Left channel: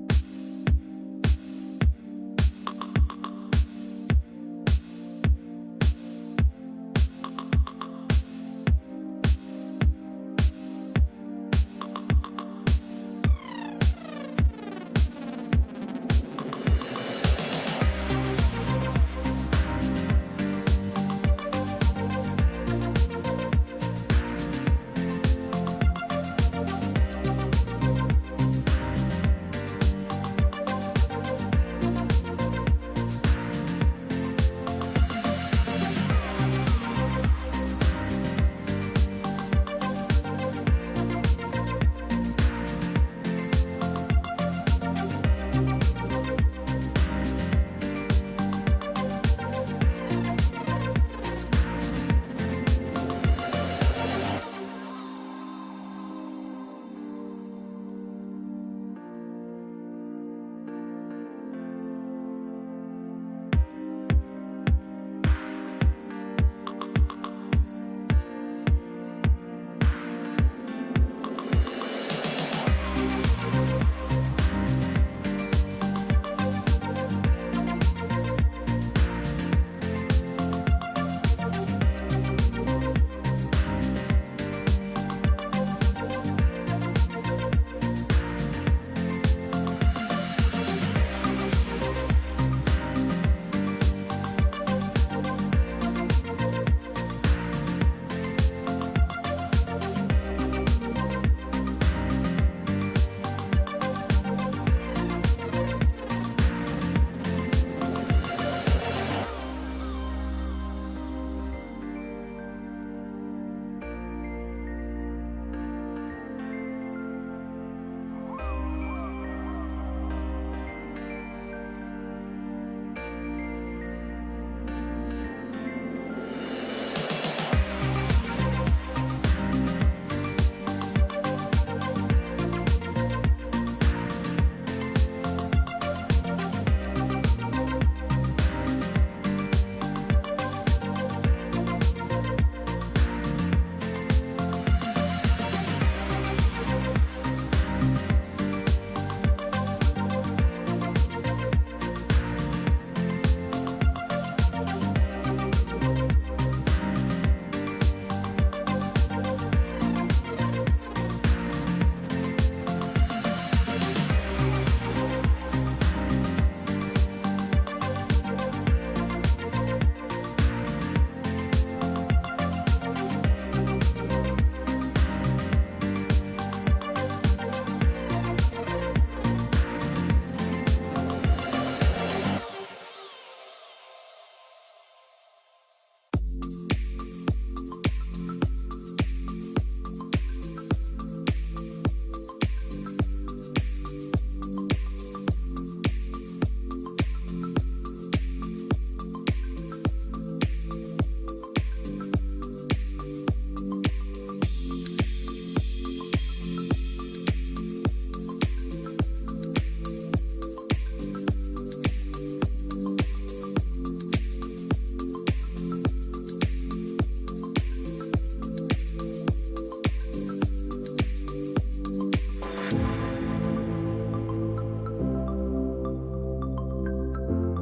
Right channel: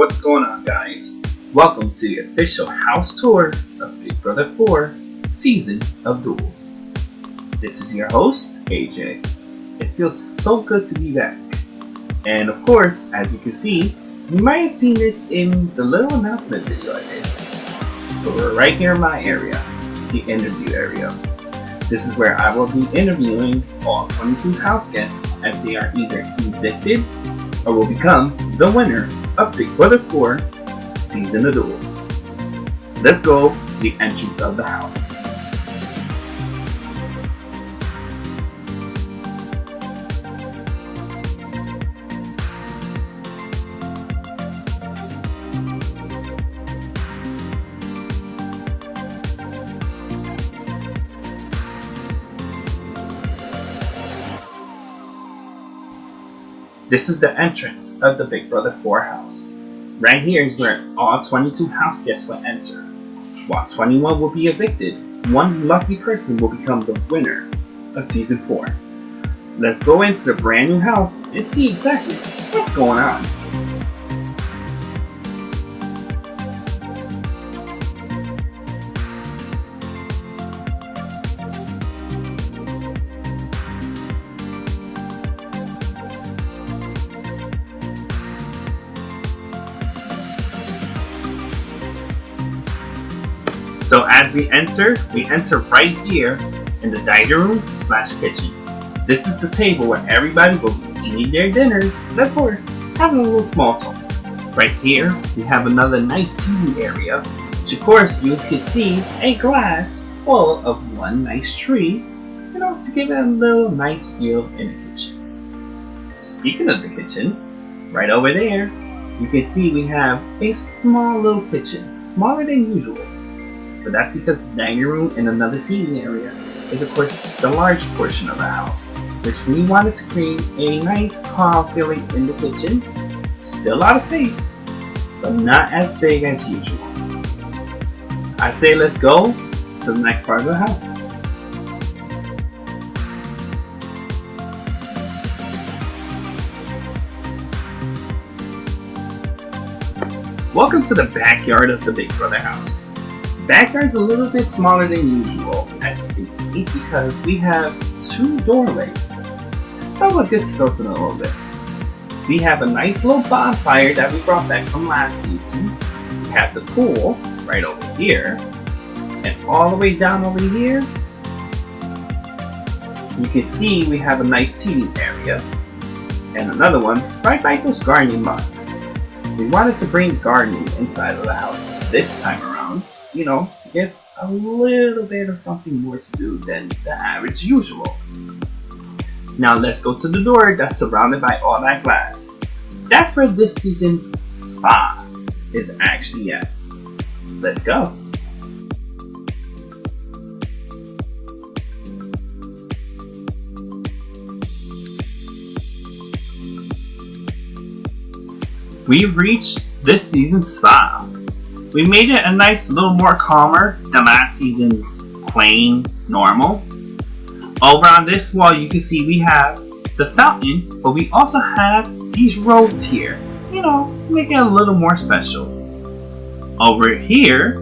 what's going on, guys? Welcome to the official house tour of Big Brother 4 Season of Duels. This is your host, AJ. It feels so good to be back. And of course, as you can see, you might have seen this in the little announcement video I did. But we're right here in my area, the interview area. This is where I will be interviewing all 22 house guests as they are either evicted or will become the winner of Big Brother 4 Season of Duels. Let's go to the entrance of the house. This is the entrance of the Big Brother 4 house. Right here is where all 22 house guests will enter. While 21 will be evicted, one lucky person will become the winner of Season 4. Let's go into the brand new house and see exactly what's going on. So as we enter right here in the dining room / kitchen. This is the table where everybody will be eating their dinners and of course having a little small talk. Right here we have another nice TV area, which of course you can see a glass full of one nice tree, to give it a little nice feel in the kitchen. Speaking of the kitchen, right over there you can see we have a small little kitchen, smaller than usual. But that's because the dining room and another seating area is of course the large portion of the house, which we wanted to create a nice calm feeling in the kitchen. Still a lot of space, but not as big as usual. I say let's go to the next part of the house. Welcome to the backyard of the Big Brother house. Backyard's a little bit smaller than usual, as you can see, because we have two doorways. But we'll get to those in a little bit. We have a nice little bonfire that we brought back from last season. We have the pool right over here, and all the way down over here, you can see we have a nice seating area, and another one right by those gardening boxes. We wanted to bring gardening inside of the house this time around. To get a little bit of something more to do than the average usual. Now let's go to the door that's surrounded by all that glass. That's where this season's spa is actually at. Let's go. We've reached this season's spa. We made it a nice little more calmer than last season's plain normal. Over on this wall you can see we have the fountain, but we also have these robes here, to make it a little more special. Over here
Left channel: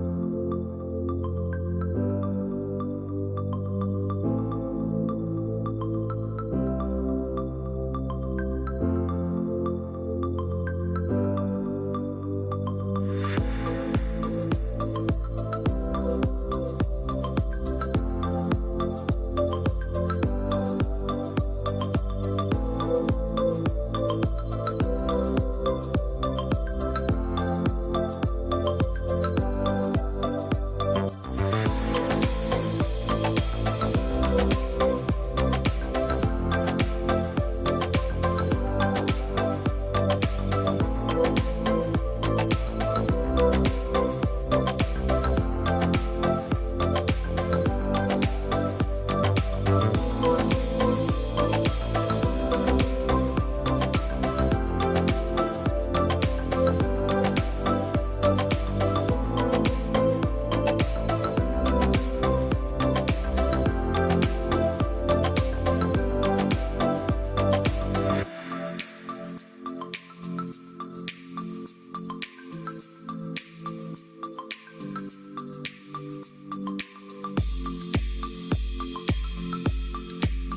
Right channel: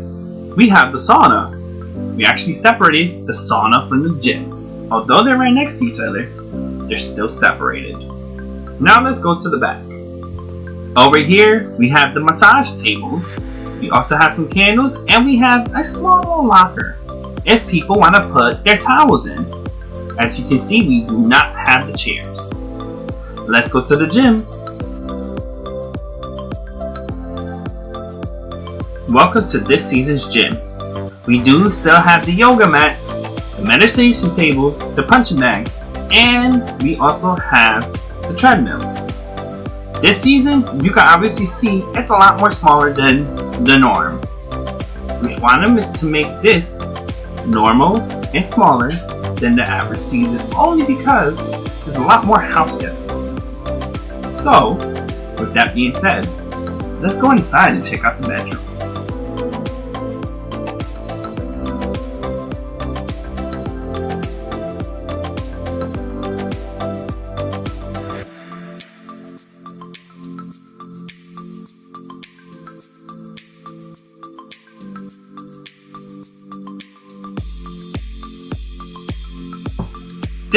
we have the sauna. We actually separated the sauna from the gym. Although they're right next to each other, they're still separated. Now let's go to the back. Over here we have the massage tables. We also have some candles, and we have a small little locker if people want to put their towels in. As you can see, we do not have the chairs. Let's go to the gym. Welcome to this season's gym. We do still have the yoga mats, the meditation tables, the punching bags, and we also have the treadmills. This season, you can obviously see it's a lot more smaller than the norm. We wanted to make this normal and smaller than the average season, only because there's a lot more house guests this season. So, with that being said, let's go inside and check out the bedrooms.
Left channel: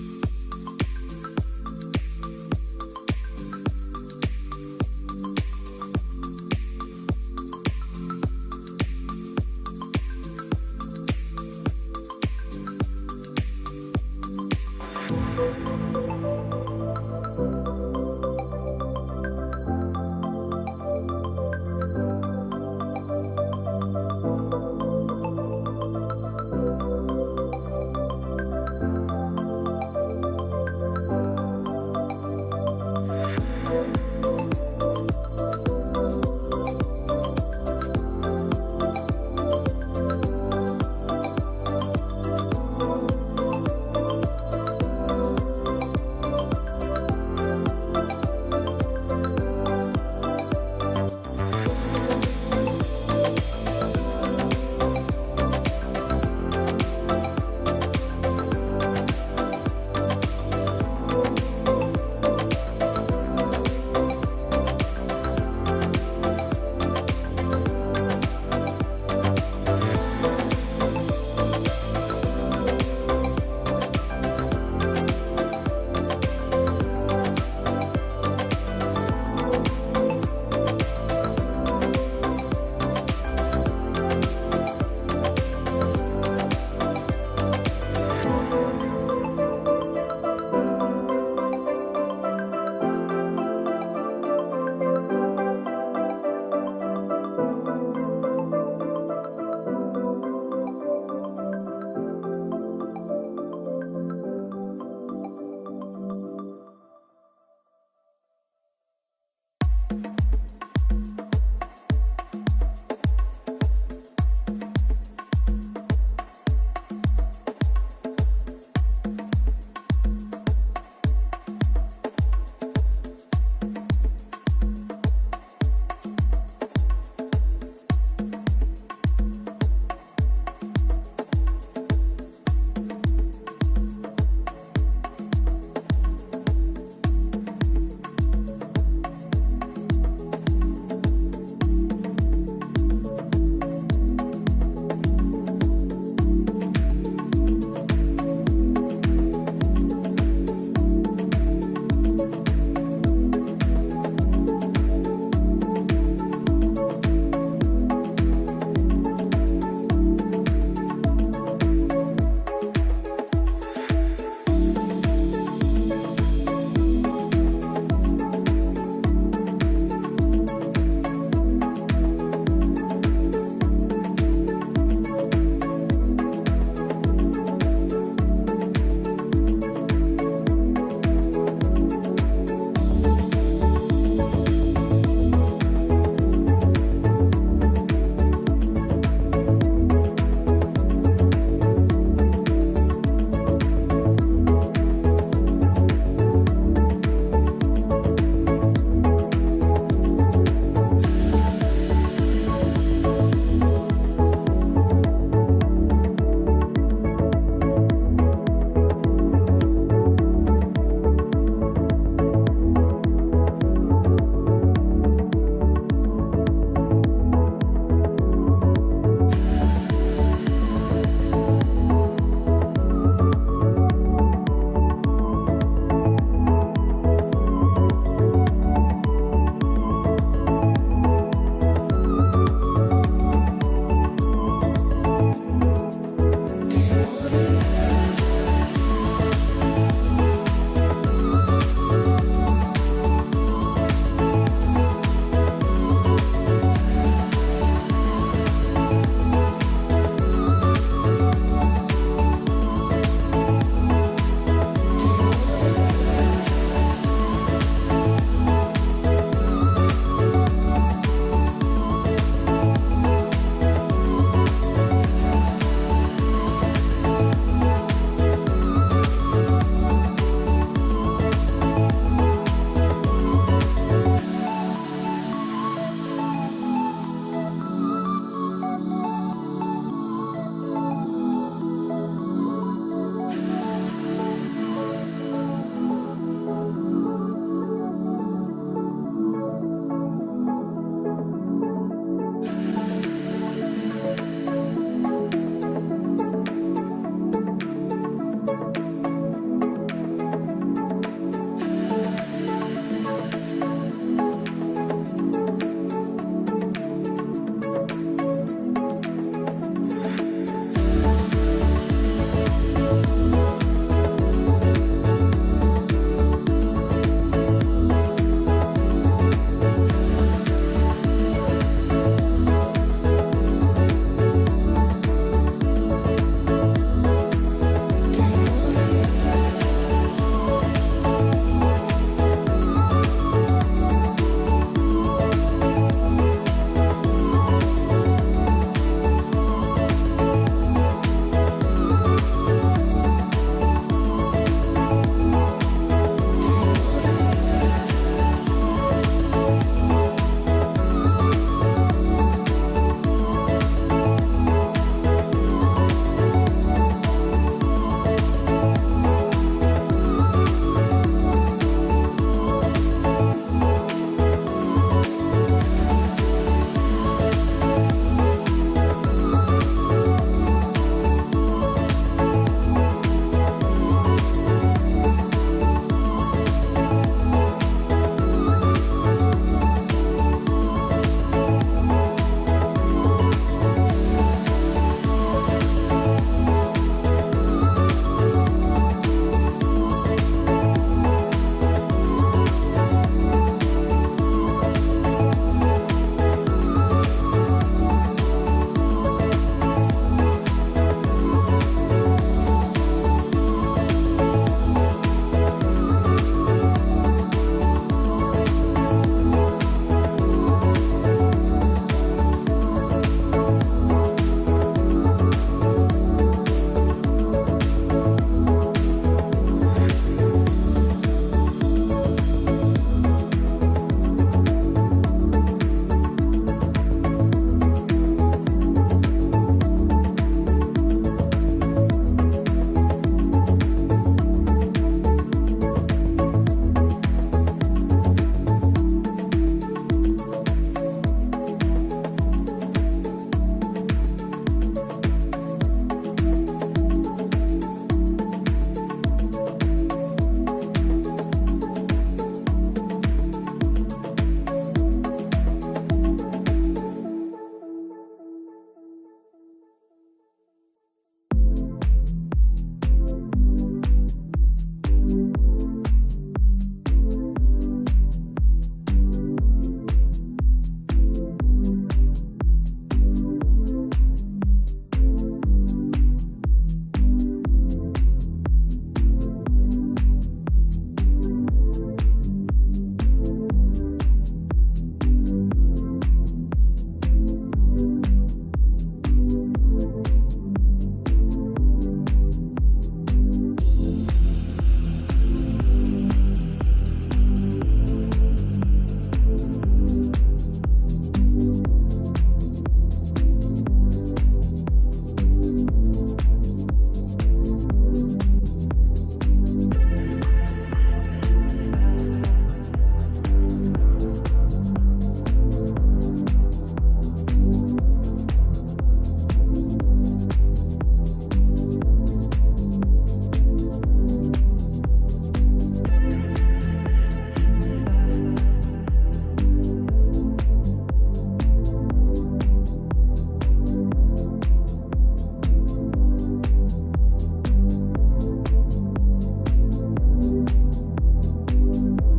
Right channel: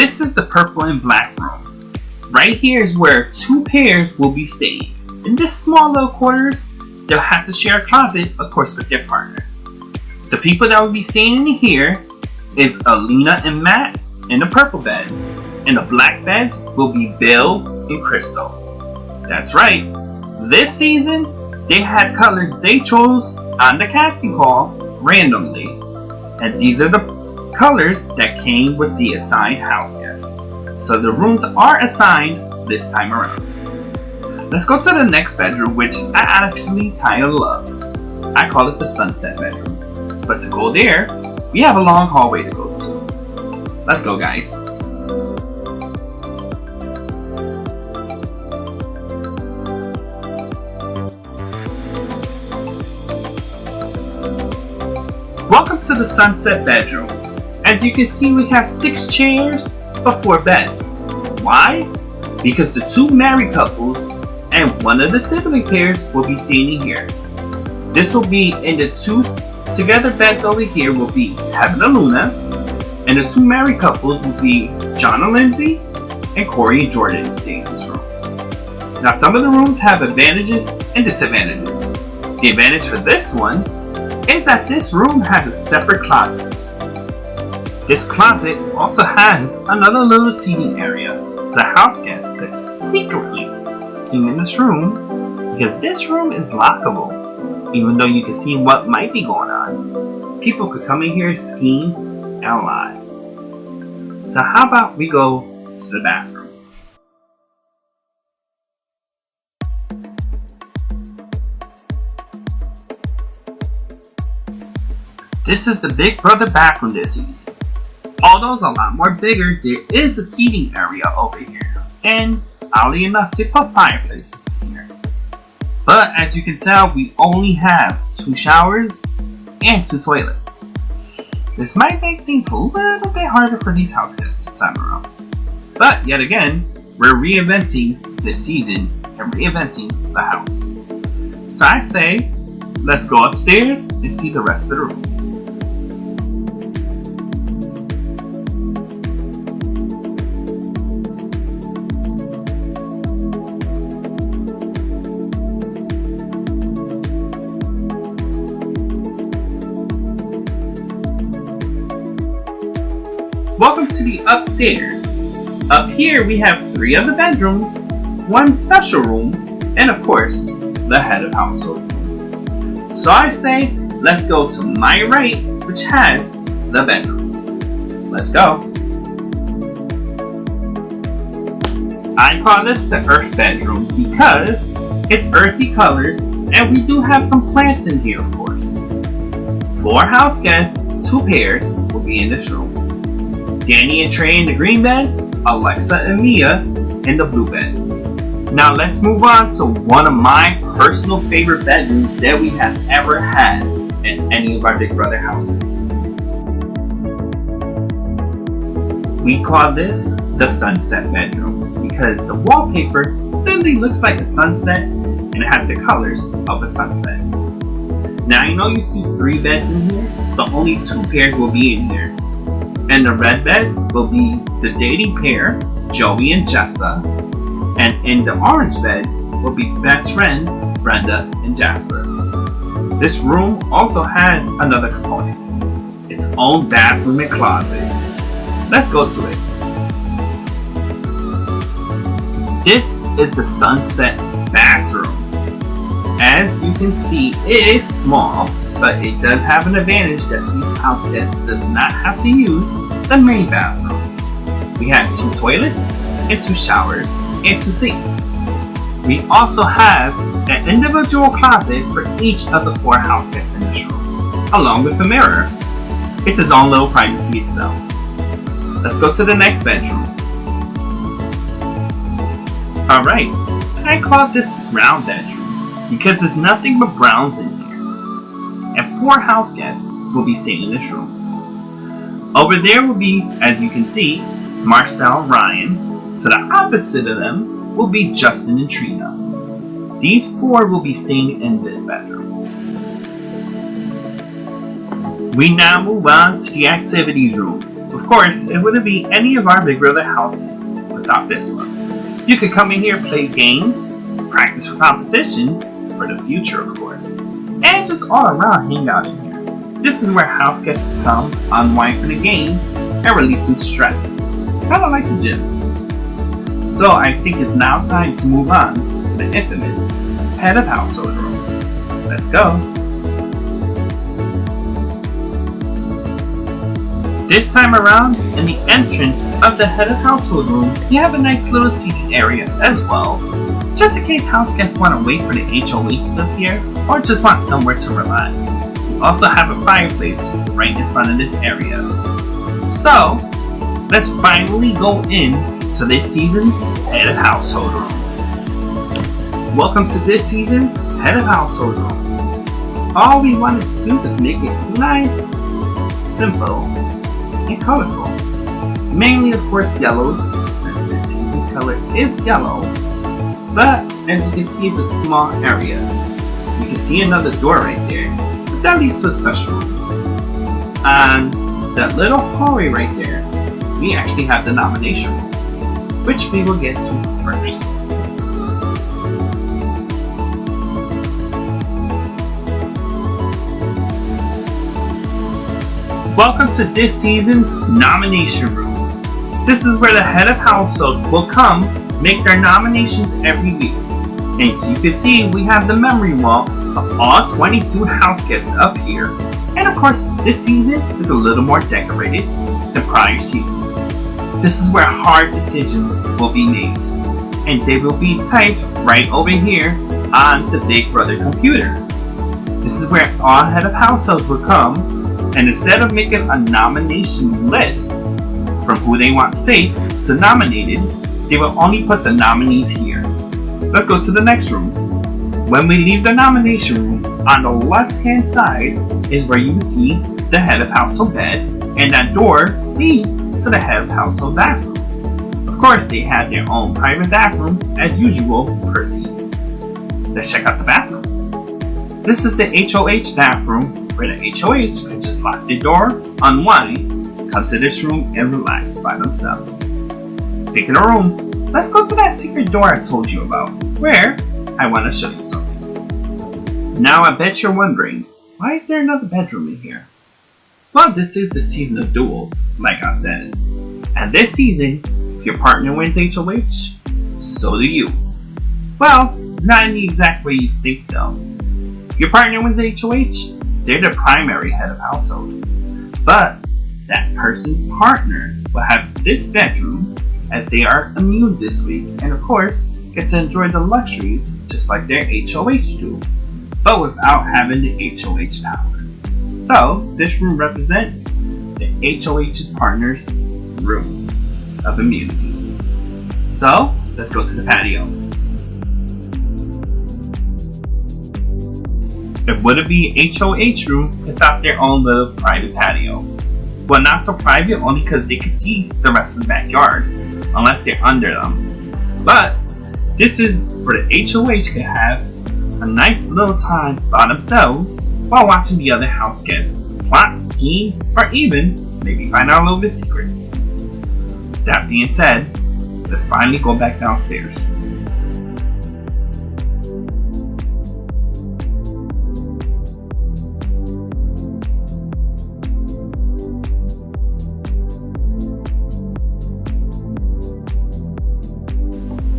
This is the purple and black room. Right here is where 2 pairs will be staying. In this small little quarters, they'll have to share a closet, of course, with their partner. The people that will be staying in here is Alina and Matt in the purple beds, and the black beds will be Bill and Crystal. That's right, this season they had colors they chose on the casting call randomly, and these are the colors that came with the assigned house guests. So the rooms are assigned this time around. Let's go to the next bedroom, which I actually kind of love. I call it the sunset bedroom. But to go there, we have a long hallway to go to. Let's go, guys. Welcome to the sunset bedroom. As you can see, we have 6 chairs but 4 beds. Why? Because the 2 married couples and one of the sibling pairs will be staying here. This will be in the 2 together beds over here will be Heaven and Luna, and the 2 married couples will be John and Lindsay and Corey and Jordan staying in this room. Now some of the rooms have advantages and disadvantages. The advantage for this one is that this room has a separate closet. This closet also has another little seating area. The house guests could secretly ski in this room because this room is lockable, even though you can see what might be going on. People could come in here skiing and lie. So how about we go to the bathroom? This is the Big Brother bathroom this season. Although it's a lot more bigger, there is a seating area over here, and oddly enough, they put fireplaces in here. But as you can tell, we only have 2 showers and 2 toilets. This might make things a little bit harder for these house guests this time around. But yet again, we're reinventing this season and reinventing the house. So I say, let's go upstairs and see the rest of the rooms. Welcome to the upstairs. Up here we have 3 of the bedrooms, 1 special room, and of course, the head of household. So I say, let's go to my right, which has the bedrooms. Let's go. I call this the earth bedroom because it's earthy colors, and we do have some plants in here, of course. 4 house guests, 2 pairs, will be in this room. Danny and Trey in the green beds, Alexa and Mia in the blue beds. Now let's move on to one of my personal favorite bedrooms that we have ever had in any of our Big Brother houses. We call this the sunset bedroom because the wallpaper literally looks like a sunset and it has the colors of a sunset. Now I know you see 3 beds in here, but only 2 pairs will be in here. And the red bed will be the dating pair, Joey and Jessa. And in the orange beds will be best friends, Brenda and Jasper. This room also has another component, its own bathroom and closet. Let's go to it. This is the sunset bathroom. As you can see, it is small, but it does have an advantage that these house guests does not have to use the main bathroom. We have 2 toilets and 2 showers and 2 sinks. We also have an individual closet for each of the 4 house guests in this room, along with the mirror. It's its own little privacy itself. Let's go to the next bedroom. Alright, I call this the brown bedroom because there's nothing but browns in here. And 4 house guests will be staying in this room. Over there will be, as you can see, Marcel and Ryan. To the opposite of them will be Justin and Trina. These 4 will be staying in this bedroom. We now move on to the activities room. Of course, it wouldn't be any of our Big Brother houses without this one. You could come in here, play games, practice for competitions, for the future of course, and just all around hang out in here. This is where house guests can come, unwind for the game, and release some stress. Kinda like the gym. So I think it's now time to move on to the infamous head of household room. Let's go. This time around, in the entrance of the head of household room, you have a nice little seating area as well, just in case house guests want to wait for the HOH to appear, or just want somewhere to relax. You also have a fireplace right in front of this area. So, let's finally go in to this season's head of household room. Welcome to this season's head of household room. All we want to do is make it nice, simple, and colorful. Mainly of course yellows, since this season's color is yellow. But as you can see, it's a small area. You can see another door right there. That leads to a special room. And that little hallway right there, we actually have the nomination room, which we will get to first. Welcome to this season's nomination room. This is where the head of household will come make their nominations every week. And as you can see, we have the memory wall of all 22 house guests up here. And of course, this season is a little more decorated than prior seasons. This is where hard decisions will be made. And they will be typed right over here on the Big Brother computer. This is where all head of households will come, and instead of making a nomination list from who they want safe to nominated, they will only put the nominees here. Let's go to the next room. When we leave the nomination room, on the left hand side is where you see the head of household bed, and that door leads to the head of household bathroom. Of course, they have their own private bathroom as usual per season. Let's check out the bathroom. This is the HOH bathroom, where the HOH can just lock the door, unwind, come to this room and relax by themselves. Speaking of rooms, let's go to that secret door I told you about, where I want to show you something. Now I bet you're wondering, why is there another bedroom in here? Well, this is the season of duels, like I said. And this season, if your partner wins HOH, so do you. Well, not in the exact way you think though. If your partner wins HOH, they're the primary head of household. But that person's partner will have this bedroom as they are immune this week, and of course get to enjoy the luxuries just like their HOH do, but without having the HOH power. So this room represents the HOH's partner's room of immunity. So let's go to the patio. It wouldn't be HOH room without their own little private patio. Well, not so private only because they can see the rest of the backyard, unless they're under them. But this is where the HOH can have a nice little time by themselves while watching the other house guests plot, scheme, or even maybe find out a little bit secrets. That being said, let's finally go back downstairs.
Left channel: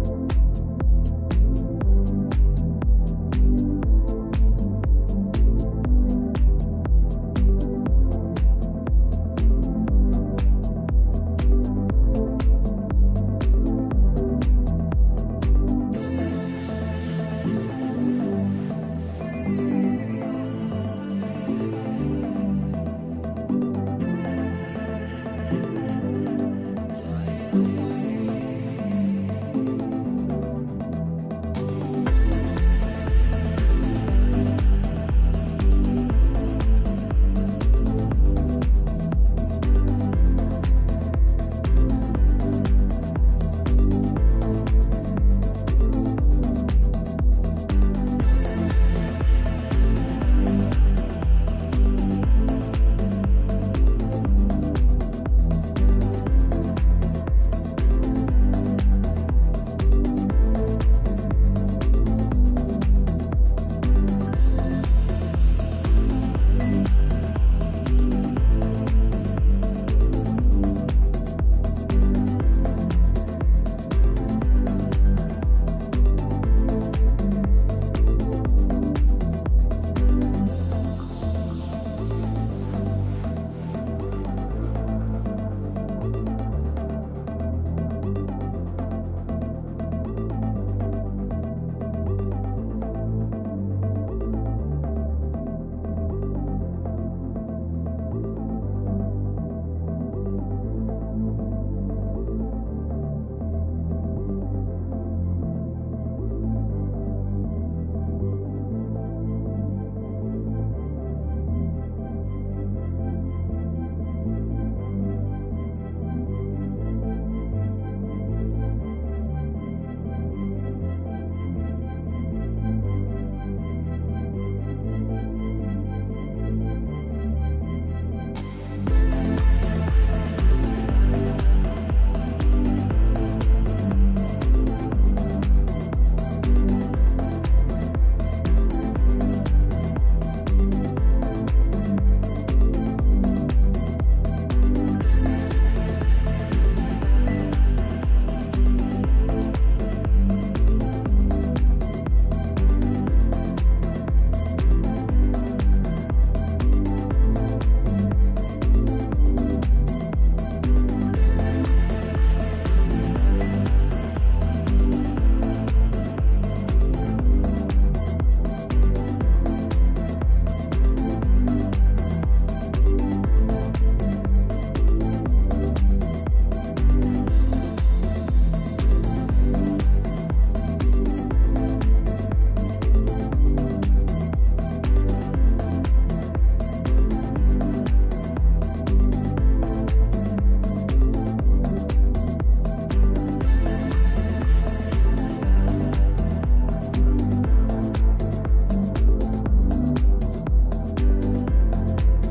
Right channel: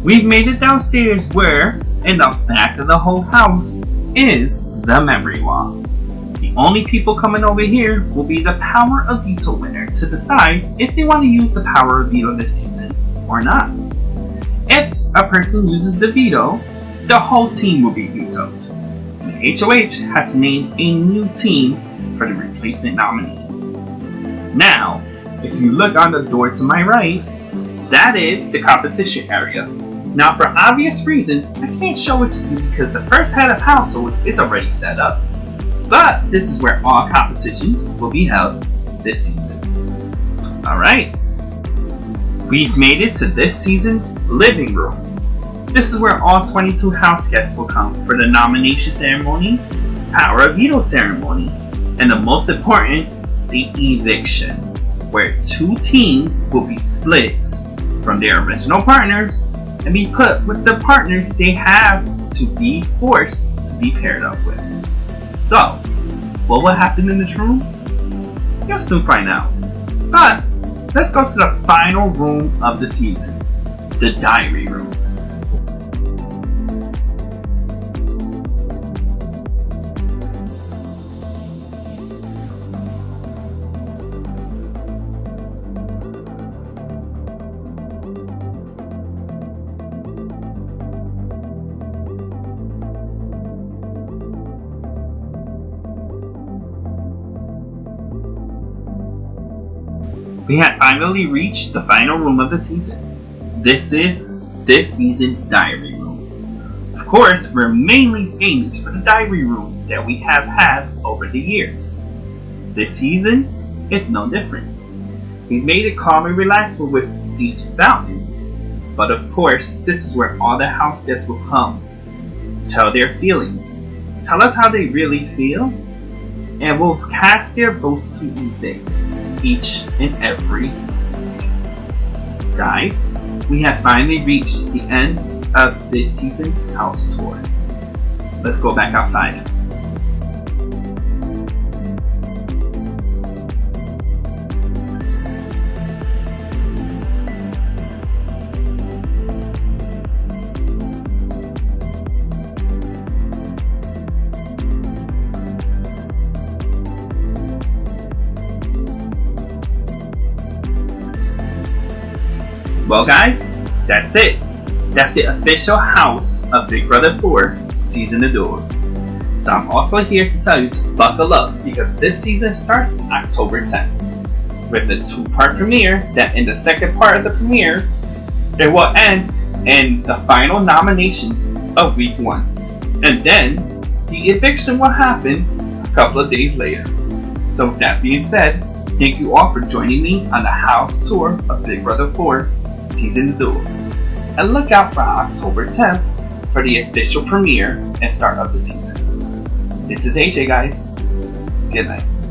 We've made it downstairs where, in the back of the whole house, is the memory wall. The only people coming over here will be the Power of Veto winner to decide if they want to use the Power of Veto this season or not. If a person uses the veto, the whole team will be vetoed. The HOH has named a new team for the replacement nominee. Now, if you look on the door to my right, that is the competition area. Now, for obvious reasons, I can't show it to you because the first head of household is already set up. But this is where all competitions will be held this season. Alright, we've made it to this season's living room. This is where all 22 house guests will come for the nomination ceremony, Power of Veto ceremony, and the most important, the eviction. where two teams will be split from their original partners and be put with the partners they have to be forced to be paired up with. So, what will happen in this room? You'll soon find out. But, let's go to the final room of the season, the diary room. We had finally reached the final room of the season. This is this season's diary room. Of course, we're mainly famous for the diary rooms that we have had over the years. This season, it's no different. We made it calm and relaxed with these fountains. But of course, this is where all the house guests will come, tell their feelings, tell us how they really feel, and will cast their votes to evict each and every week. Guys, we have finally reached the end of this season's house tour. Let's go back outside. Well guys, that's it. That's the official house of Big Brother 4 Season of Duels. So I'm also here to tell you to buckle up because this season starts October 10th. With a 2-part premiere that in the second part of the premiere, it will end in the final nominations of week 1. And then the eviction will happen a couple of days later. So with that being said, thank you all for joining me on the house tour of Big Brother 4 Season of Duels. And look out for October 10th for the official premiere and start of the season. This is AJ guys. Good night.